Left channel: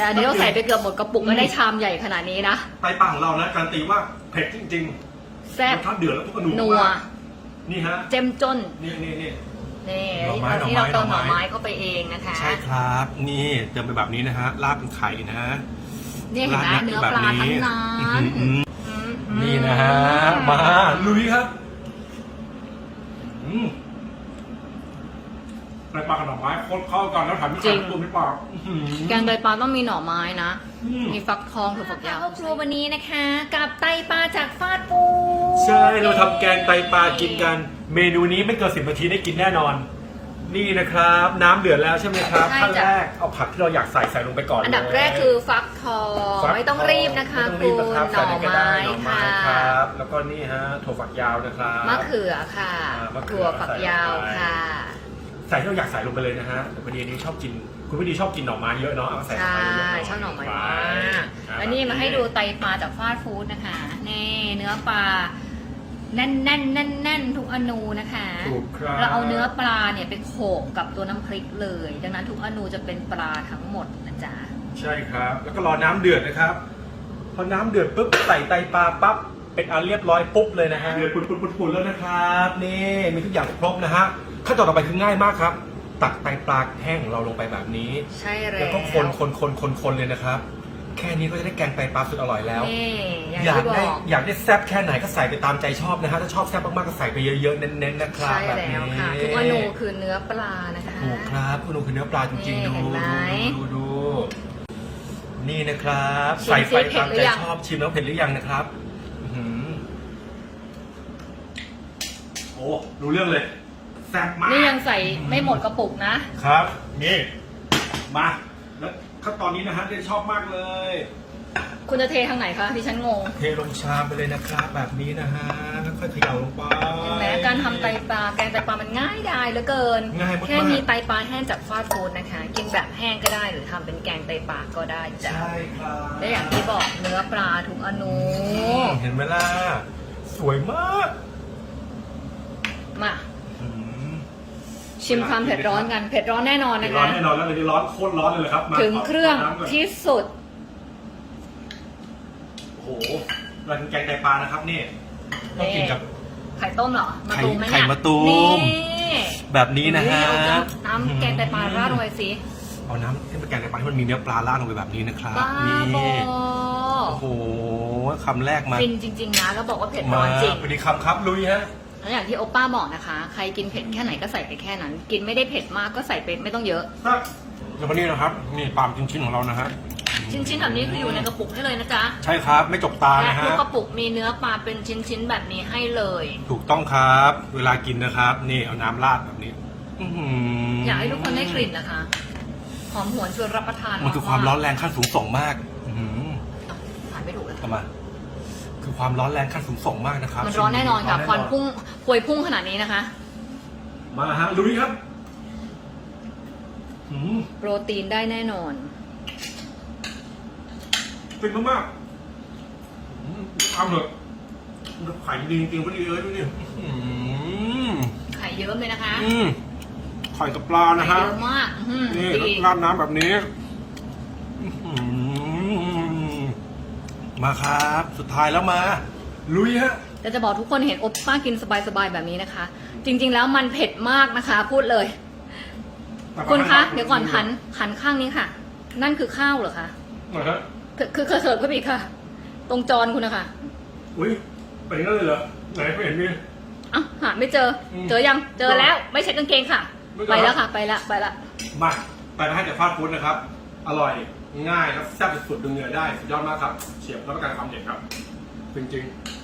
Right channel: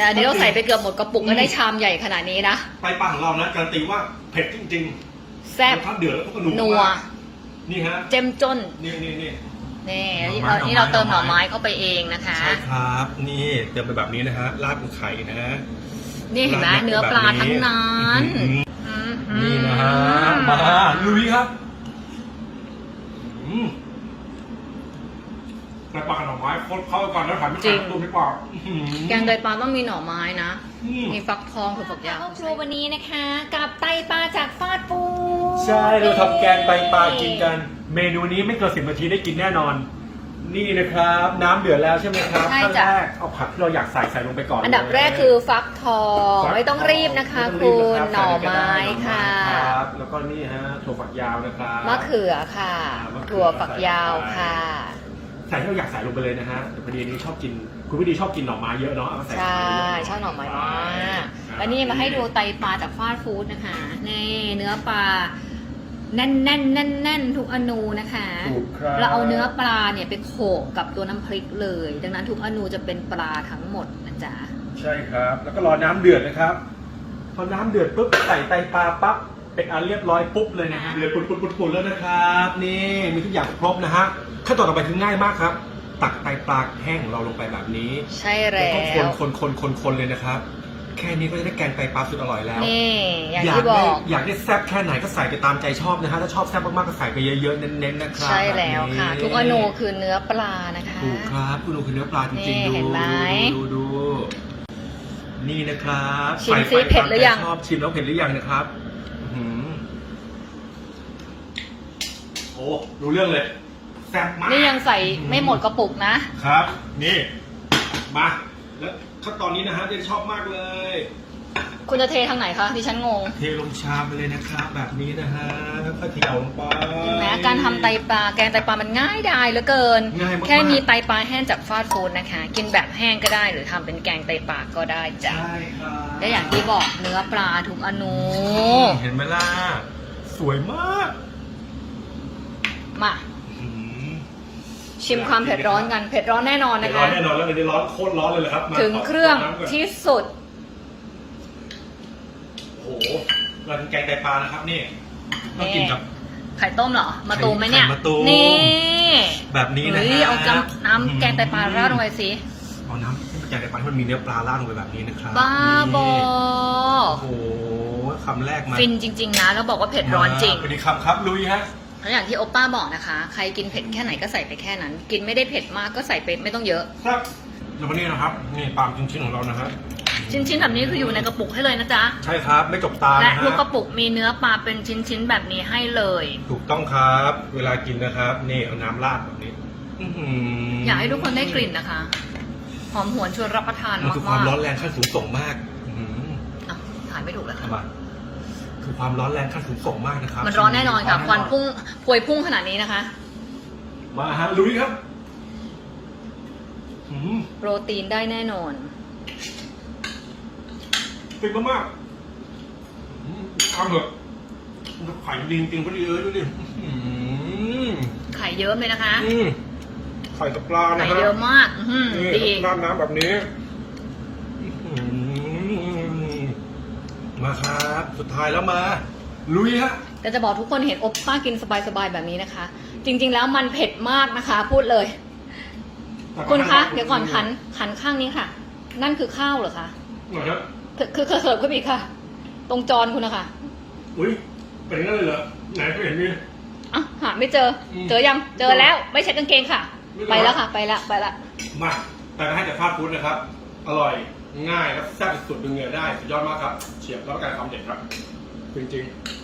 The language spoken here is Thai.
แต่อันนี้เราใส่ไปเกือบหมดกระปุกก็ได้ชามใหญ่ขนาดนี้นะไตปลาของเรานะการันตีว่าเผ็ดจริงแซ่บรสชาติเดือดแล้วก็นัวนัวมากนี่ฮะเจ้มจนนี่นี่นี่ นี่หน่อไม้เราที่เราเติมหหน่น่ออไม้ไม้เข้าไปเองนะคะ ใช่ครับ นี่เติมไปแบบนี้นะฮะราดกับไข่นะฮะนี่เห็นไหมราดเนื้อปลาแบบทั้งนั้นอื้อหืออืมนี่นะฮะ มาลุยครับอืม ไตปลากับหน่อไม้เข้ากันแล้วถามพี่ดูพี่ปลาอื้อหือ แกงไตปลาต้องมีหน่อไม้นะ อืม มีฟักทองถั่วฝักยาวครัววันนี้นะคะ กับไตปลาจากฟาดปูใช่ เราทำแกงไตปลากินกัน เมนูนี้ไม่เกินสิบนาทีได้กินแน่นอน นี่นะครับ น้ำเดือดแล้วใช่ไหมครับใช่ขั้นจ้ะแรกเอาผักที่เราอยากใส่ใส่ลงไปก่อนอันดับเลยแรกคือฟักทองฟักไม่ต้องรีบนะคะไม่คุต้องรีบณนะหรัน่บอไม้ใส่ค่ะหน่อไม้ครับแล้วก็นี่ฮะถั่วฝักยาวนะครับ มะเขือค่ะ อ่ามะเขือถั่วฝักยาวค่ะ ใส่ ที่เราอยากใส่ลงไปเลยนะฮะแต่พอดีอันนี้ชอบกิน คุณพี่ดีชอบกินหน่อไม้เยอะเนาะเอามาใส่ใช่ไปเยะชอบหน่อไม้มากไปแล้วนี่มาให้ดูไตปลาจากฟาดฟู้ดนะคะนี่เนื้อปลาแน่นแน่นแน่นแน่นทุกอนูนะคะ ถูกครับเราเอาเนื้อปลาเนี่ยไปโขกกับตัวน้ำพริกเลย ดังนั้นทุกอนูจะเป็นปลาทั้งหมดนะจ๊ะ ใช่ครับ แล้วก็รอน้ำเดือดนะครับ พอน้ำเดือดปุ๊บใส่ไตปลาปั๊บ เป็นอันเรียบร้อยปุ๊บเลยนะฮะเดือดปุดๆๆๆแล้วนะครับ นี่มีทุกอย่างครบนะฮะขั้นตอนต่อไปคือง่ายมากครับ ตักไตปลาแห้งของเราลงไปแบบนี้ใช่แล้วแล้ก็คนวคนคนคนคนเลยนะครับ แค่นี้ก็จะได้แกงไตปลาสุดอร่อยแล้วนี่อย่างอยากที่บได้อกอยากได้แซ่บแค่ไหนก็ใส่ไปตามใจชอบนะฮะถ้าชอบแซ่บมากๆก็ใส่ไปเยอะๆเน้นๆนะครับใช่แล้วค่ะ แบบทุกอนูคือเนื้อปลานะคะ ถูกครับคุณดูคือเนื้อปลาจริงๆนี่ดูเห็นไหมดูดูนี่นะครับชิมซิใส่ไปเผ็ดหรือยังตามใจชอบชิมแล้วเผ็ดหรือยังนะครับอื้อหือโอ้รู้เรื่องเลยแซ่บมากนี่ยังใส่ไม่หมดกระปุกนะ ครับ นี่ มาแล้วขั้นตอนนี้นะฮะเรนชอบมากเลย คุณจะเททางไหนคะดิฉันงง เทลงชามไปเลยนะครับแบบนี้นะฮะค่อยๆเขย่าลงไป เห็นไหมการทำไตปลาแกงไตปลามันง่ายดายเหลือเกิน ง่ายมากๆ แค่มีไตปลาแห้งจากฟาสต์ฟู้ดนะคะ กินแบบแห้งก็ได้หรือทำเป็นแกงไตปลาก็ได้จ้ะใช่ครับและอย่างที่บอกเนื้อปลาทุกอนู เห็นไหมล่ะ สวยมาก มา อื้อหือชิมความเผ็ดร้อนกันเผ็ดร้อนแน่นอนเผ็นะดร้อคะ นแน่นอนแล้ววันนี้ร้อนโคตรร้อนเลยเหรอครับมาถึงเครื่องน้ำก่อนที่สุด โอ้โหเราเป็นแกงไตปลานะครับนี่ต้องกินกับ ไข่ต้มเหรอมาตูมไหมเนี่ยไข่มะตูม นี่แบบนี้นะเฮ้ฮะยเอาน้ำน้ำแกงไตปลาราดลงไปสิเอาน้ำให้มันแกงไตปลาที่มันมีเนื้อปลาราดลงไปแบบนี้นะครับบ้าบอ นี่โอ้โหคำแรกมาฟินจริง ๆ นะ แล้วบอกว่าเผ็ดร้อนจริง สวัสดีครับครับลุยฮะ แล้วอย่างที่โอป้าบอกนะคะ ใครกินเผ็ดแค่ไหนก็ใส่ไปแค่นั้น กินไม่ได้เผ็ดมากก็ใส่ไปไม่ต้องเยอะครับแล้ววันนี้นะครับนี่ปลาล์มชิ้นๆของเรานะฮะชิ้นๆแบบนี้คืออยู่ในกระปุกให้เลยนะจ๊ะ ใช่ครับไม่จบตาและนะฮะทุกกระปุกมีเนื้อปลาเป็นชิ้นๆแบบนี้ให้เลย ถูกต้องครับ เวลากินนะครับ นี่เอาน้ำราดแบบนี้อื้อหือยากให้ทุกคนได้กลิ่นนะคะ หอมหวนชวนรับประทานมันมากคือความๆร้อนแรงขั้นสูงส่งมาก อื้อหืออะถ่ายไม่ถูกเลยค่ะ เอามา คือความร้อนแรงขั้นสูงส่งมากนะครับมันร้อนแน่นอนค่ะควันพุ่งพวยพุ่งขนาดนี้นะคะ มาฮะลุยครับหืมโปรตีนได้แน่นอนติดมากหืมเอาเถอะมันจะไข่ดีจริงๆก็ดีเออดูดิอื้อหือไข่เยิ้มเลยนะคะอืมไข่กับปลานะไข่ฮะเยอะมาก อื้อหือนี่ดี ราดน้ำแบบนี้อื้อหือ มาครับสุดท้ายแล้วมา ลุยฮะ แต่จะบอกทุกคนเห็นอบป้ากินสบายๆแบบนี้นะคะ จริง ๆ แล้วมันเผ็ดมากนะคะ พูดเลย คุณคะ เดี๋ยวก่อนหันหันข้างนี้ค่ะ นั่นคือข้าวเหรอคะนะฮะคือคือเสิร์ฟขึ้นไปอีกค่ะ ตรงจอนคุณนะคะอุ้ยเป็นนั่นเลยเหรอไหนไม่เห็นมีอะหาไม่เจออืมเจอยังเจอแล้ว ไม่ใช่กางเกงค่ะไม่เจอไปแล้วค่ะ ไปละไปละมาไปให้แต่ฟาดฟู้ดนะครับ อร่อย ง่ายและแซ่บสุดๆดึงเหงื่อได้สุดยอดมากครับเฉียบแล้วก็การทำเด็ดครับ จริงๆ